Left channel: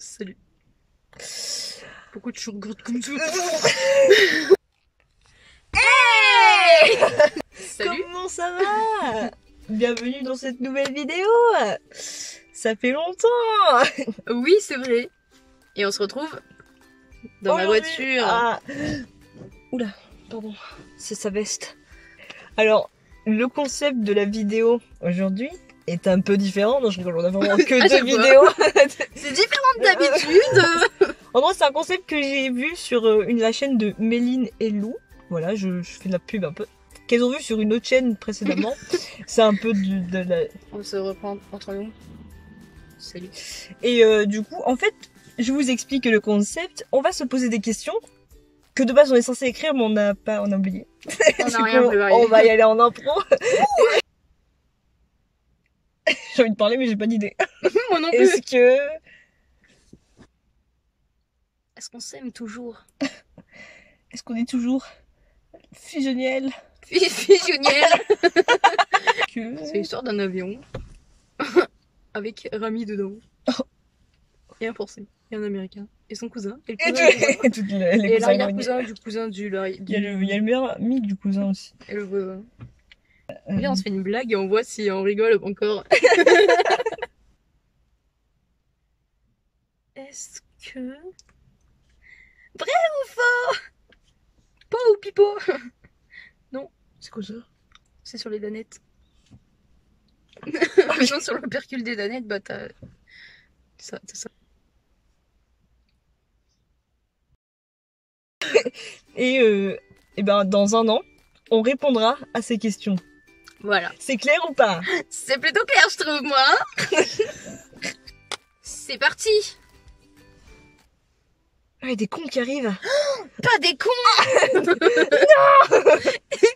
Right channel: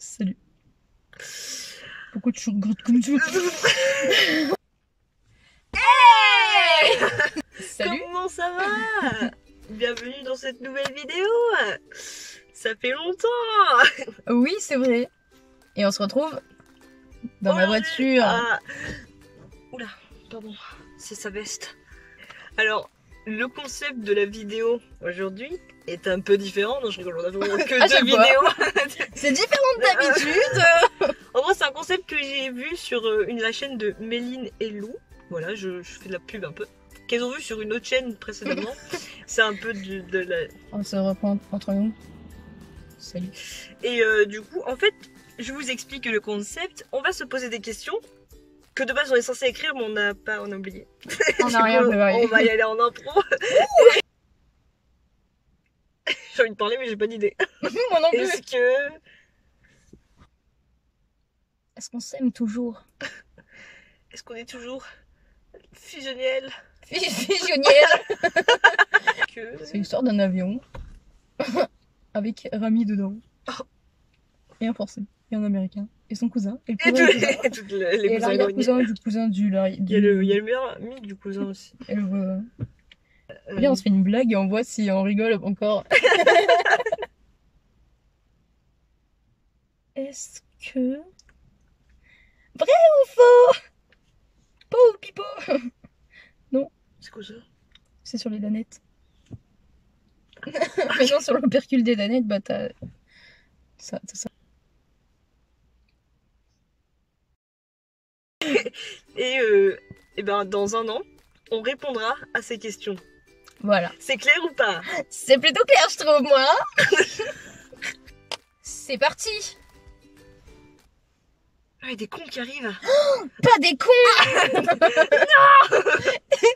Salut. Pourquoi tu regardes comme ça? Hey Salut. Comment ça va? Bienvenue dans cette nouvelle vidéo. Ça fait longtemps. Oui, c'est vrai. Et on se retrouve dans ma voiture. Ah. Oula, pardon, c'est sa veste. Alors, le concept de la vidéo aujourd'hui est un peu différent. Non, je rigole, on a vraiment que deux vidéos. C'est différent d'habitude. En gros, c'est un concept que j'ai vu sur la chaîne de Méline et Lou. Voilà, je fais de la pub un peu. Qu'elles ont vu sur une autre chaîne précédemment. C'est un peu de la... On se reprend entre nous. Salut. Et du coup, en fait, je vous explique le concept. On va se poser des questions que de base on est censé écrire, mais on a oublié. On n'a Du rien coup, préparé. on va y aller en impro. J'ai envie de parler, mais j'ai pas d'idée. Moi non plus. Est-ce qu'on s'aime toujours? Est-ce qu'on est toujours fusionnel? Fusionnel. C'est l'histoire d'un avion avec Rami dedans. Et un Français, et un Américain, et son cousin, et le cousin et l'arrière-cousin du cousin du... Il y a le meilleur ami du cousin aussi. Et le voisin. Viens, on se fait une blague et on voit si on rigole encore. Est-ce que... Vrai ou faux? Po ou pipo? Non. C'est quoi ça? C'est sur les danettes. Maintenant, sur le percule des danettes, bah t'as... Ça. Et ben dans un an, on répondra à ces questions. Voilà. C'est clair ou pas? C'est plutôt clair, je trouve, moi. C'est parti. Ah, il y a des cons qui arrivent. Pas des cons. Non.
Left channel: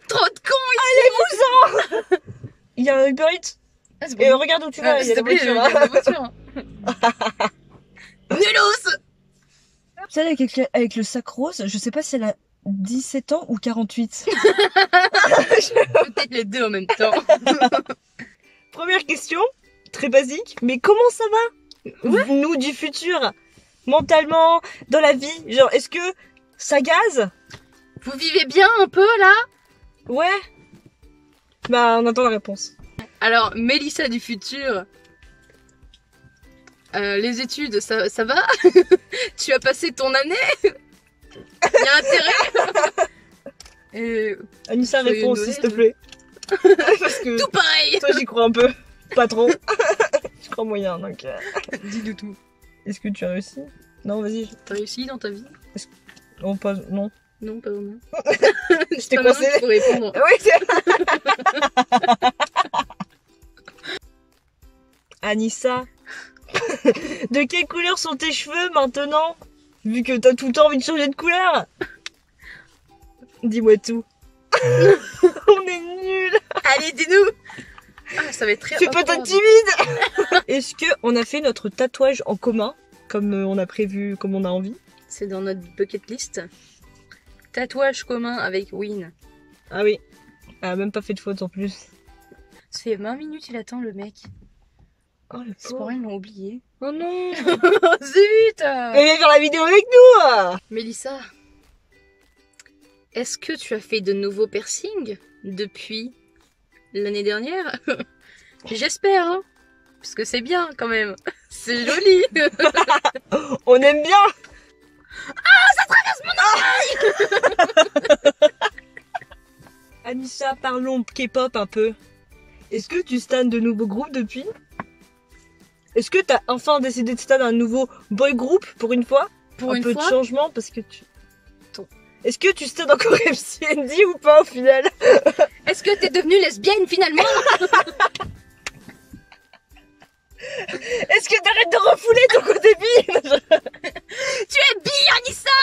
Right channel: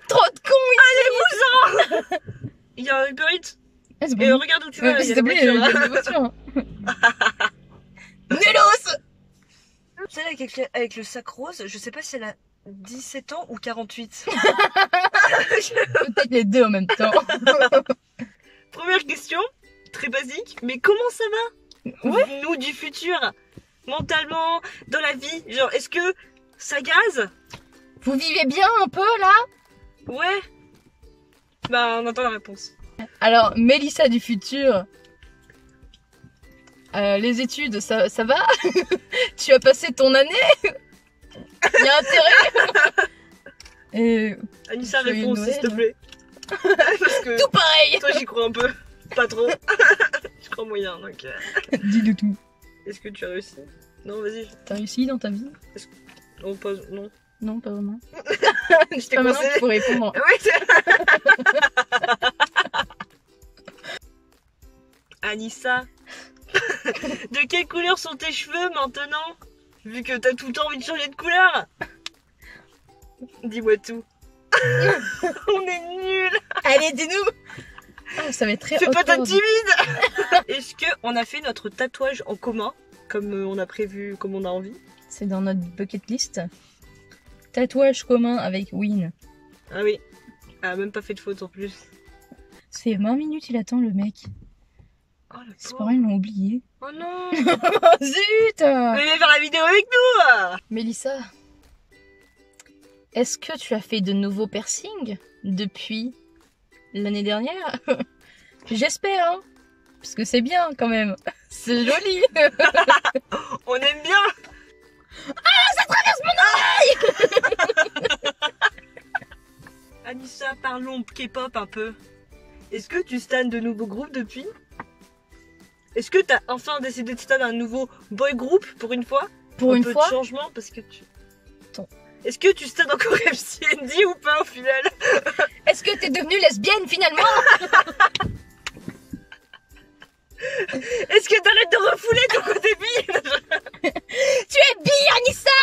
Trop de cons ici. Allez-vous-en. Il y a un Uber Eats. Ah, c'est Et regarde où tu vas, il y a la voiture. Nulos. Celle avec le sac rose, je sais pas si elle a 17 ans ou 48. Peut-être les deux en même temps. Première question, très basique, mais comment ça va? Ouais. Nous du futur, mentalement, dans la vie, genre est-ce que ça gaze? Vous vivez bien un peu là? Ouais. Bah on attend la réponse. Alors, Mélissa du futur, les études, ça va? Tu as passé ton année? Il y a intérêt? Et Anissa, joyeux réponse Noël. s'il te plaît. Parce que tout pareil. toi j'y crois un peu, pas trop. Je crois moyen donc. Dis-le tout. Est-ce que tu as réussi? Non, vas-y. T'as réussi dans ta vie? Non, pas. Non. Non, pas vraiment. Je t'ai Pas maintenant coincé. qu'il faut répondre. Oui. Anissa, de quelle couleur sont tes cheveux maintenant? Vu que t'as tout le temps envie de changer de couleur. Dis-moi tout. On est nuls. Allez, dis-nous. Ah, ça va être très Fais pas awkward. ta timide. Est-ce que on a fait notre tatouage en commun, comme on a prévu, comme on a envie? C'est dans notre bucket list. Tatouage commun avec Win. Ah oui. Elle a même pas fait de faute en plus. Ça fait 20 minutes, il attend le mec. Oh le Ses pauvre. parents, ils l'ont oublié. Oh non. Zut. Mais viens faire la vidéo avec nous. Mélissa, est-ce que tu as fait de nouveaux piercings depuis l'année dernière? J'espère, hein. Parce que c'est bien quand même. C'est joli. On aime bien. Ça traverse mon Anissa, parlons K-pop un peu. Est-ce que tu stans de nouveaux groupes depuis? Est-ce que t'as enfin décidé de stan un nouveau boy group pour une fois? Pour un une peu fois. de changement parce que tu... Attends. Est-ce que tu stans encore MCND ou pas au final? Est-ce que t'es devenue lesbienne finalement? Est-ce que t'arrêtes de refouler ton côté bi? Tu es bi, Anissa.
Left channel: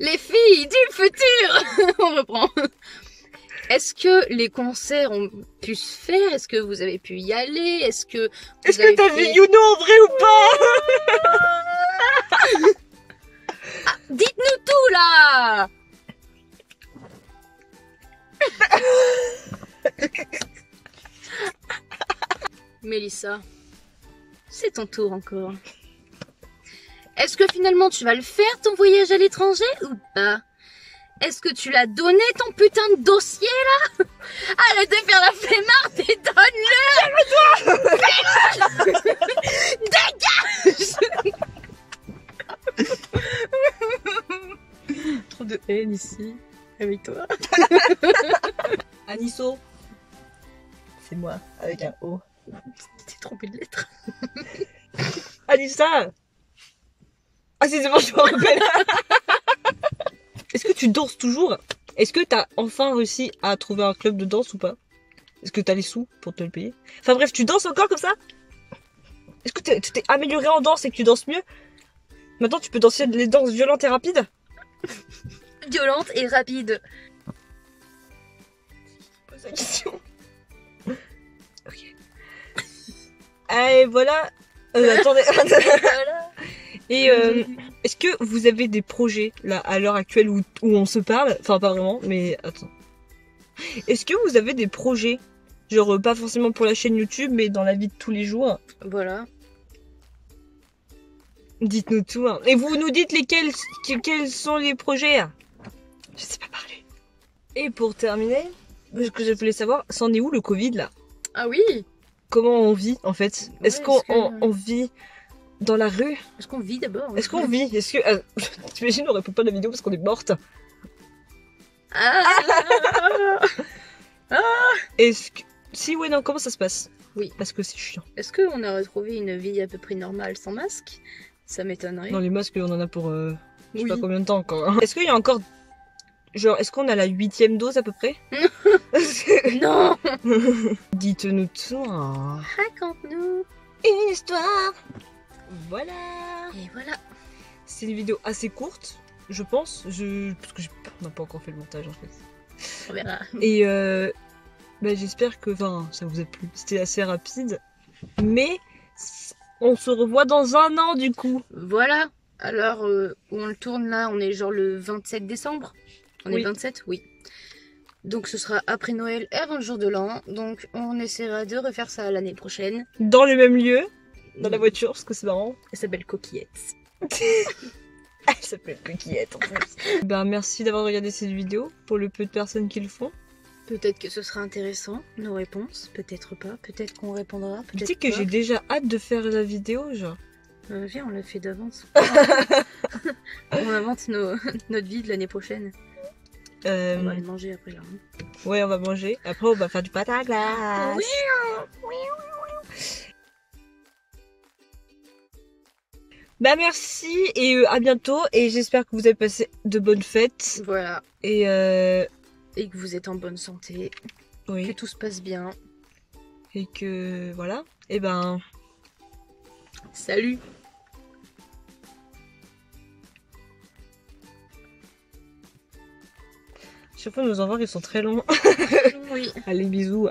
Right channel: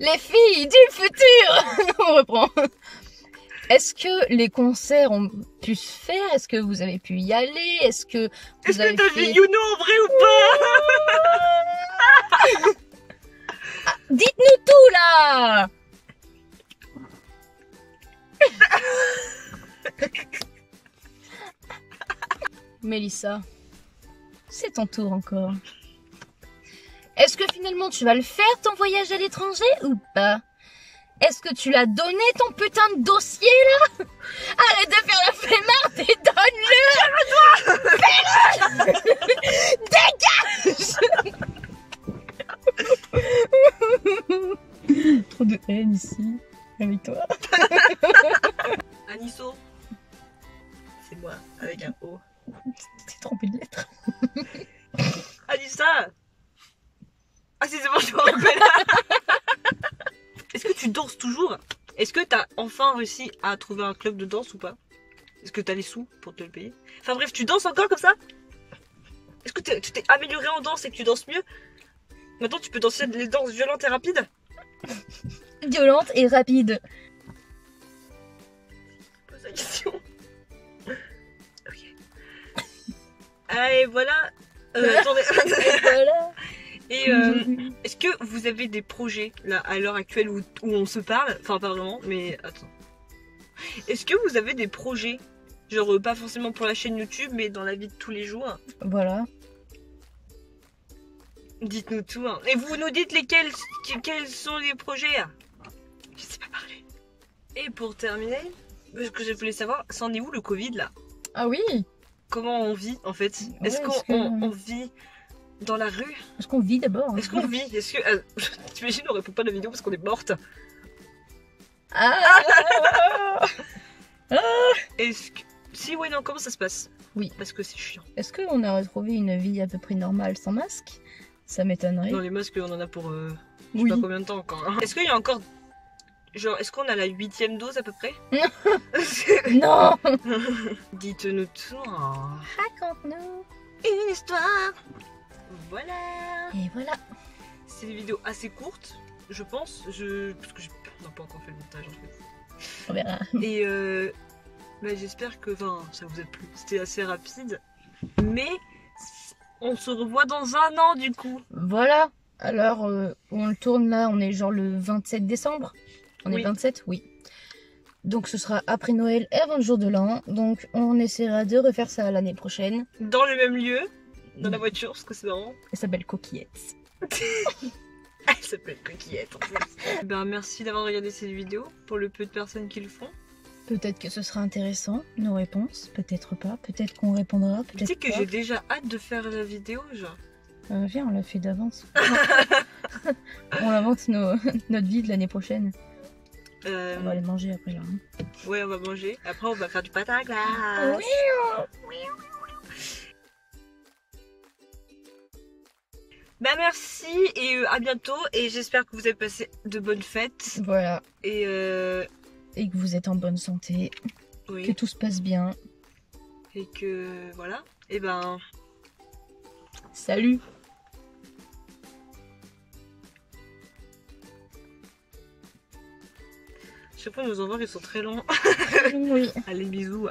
Les filles du futur. On reprend. Est-ce que les concerts ont pu se faire? Est-ce que vous avez pu y aller? Est-ce que Est-ce que t'as vu Yuno en vrai ou pas? Ah, dites-nous tout là. Mélissa, c'est ton tour encore. Est-ce que finalement tu vas le faire ton voyage à l'étranger ou pas? Est-ce que tu l'as donné ton putain de dossier là? Arrête de faire la flemmarde et donne-le! Dégage! Trop de haine ici, avec toi. Anisso. C'est moi, avec un O. Tu t'es trompé de lettre. Anissa. Ah si, c'est bon, je me rappelle. Est-ce que tu danses toujours? Est-ce que t'as enfin réussi à trouver un club de danse ou pas? Est-ce que t'as les sous pour te le payer? Enfin bref, tu danses encore comme ça? Est-ce que tu t'es amélioré en danse et que tu danses mieux? Maintenant tu peux danser les danses violentes et rapides? Violente et rapide. Pose la question. Ok. Allez, voilà. Attendez. Voilà. Et est-ce que vous avez des projets là à l'heure actuelle où on se parle? Enfin pas vraiment, mais attends. Est-ce que vous avez des projets? Genre pas forcément pour la chaîne YouTube, mais dans la vie de tous les jours? Voilà. Dites-nous tout. Hein. Et vous nous dites quels sont les projets? Je sais pas parler. Et pour terminer, ce que je voulais savoir, c'en est où le Covid là? Ah oui. Comment on vit en fait? Ouais, Est-ce qu'on vit dans la rue? Est-ce qu'on vit d'abord? Est-ce qu'on vit? Est-ce que... T'imagines, on répond pas à la vidéo parce qu'on est morte. Est-ce que... Si, ouais, non, comment ça se passe? Oui. Parce que c'est chiant. Est-ce qu'on a retrouvé une vie à peu près normale sans masque? Ça m'étonnerait. Non, les masques, on en a pour... je sais Oui. pas combien de temps encore. Hein. Est-ce qu'il y a encore... Genre, est-ce qu'on a la 8e dose à peu près? Non. Dites-nous tout. Hein. Raconte-nous Une histoire. Voilà. Et voilà. C'est une vidéo assez courte, je pense. Parce que on n'a pas encore fait le montage en fait. On verra. Et bah, j'espère que ça vous a plu. C'était assez rapide. Mais on se revoit dans un an du coup. Voilà. Alors, où on le tourne là, on est genre le 27 décembre. On est Oui. le 27? Oui. Donc ce sera après Noël et avant le jour de l'an. Donc on essaiera de refaire ça l'année prochaine. Dans le même lieu. Dans la voiture, parce que c'est marrant. Elle s'appelle Coquillette. Elle s'appelle Coquillette en plus. Ben, merci d'avoir regardé cette vidéo. Pour le peu de personnes qui le font. Peut-être que ce sera intéressant, nos réponses. Peut-être pas. Peut-être qu'on répondra. Tu Peut-être sais que pas. j'ai déjà hâte de faire la vidéo, genre. Viens, on l'a fait d'avance. On invente notre vie de l'année prochaine. On va aller manger après là. Hein. Ouais, on va manger. Après, on va faire du patin à glace. Bah merci et à bientôt. Et j'espère que vous avez passé de bonnes fêtes. Voilà. Et Et que vous êtes en bonne santé. oui. Que tout se passe bien. Et que voilà. Et ben. Salut. Chaque fois nos envois ils sont très longs. Oui. Allez bisous.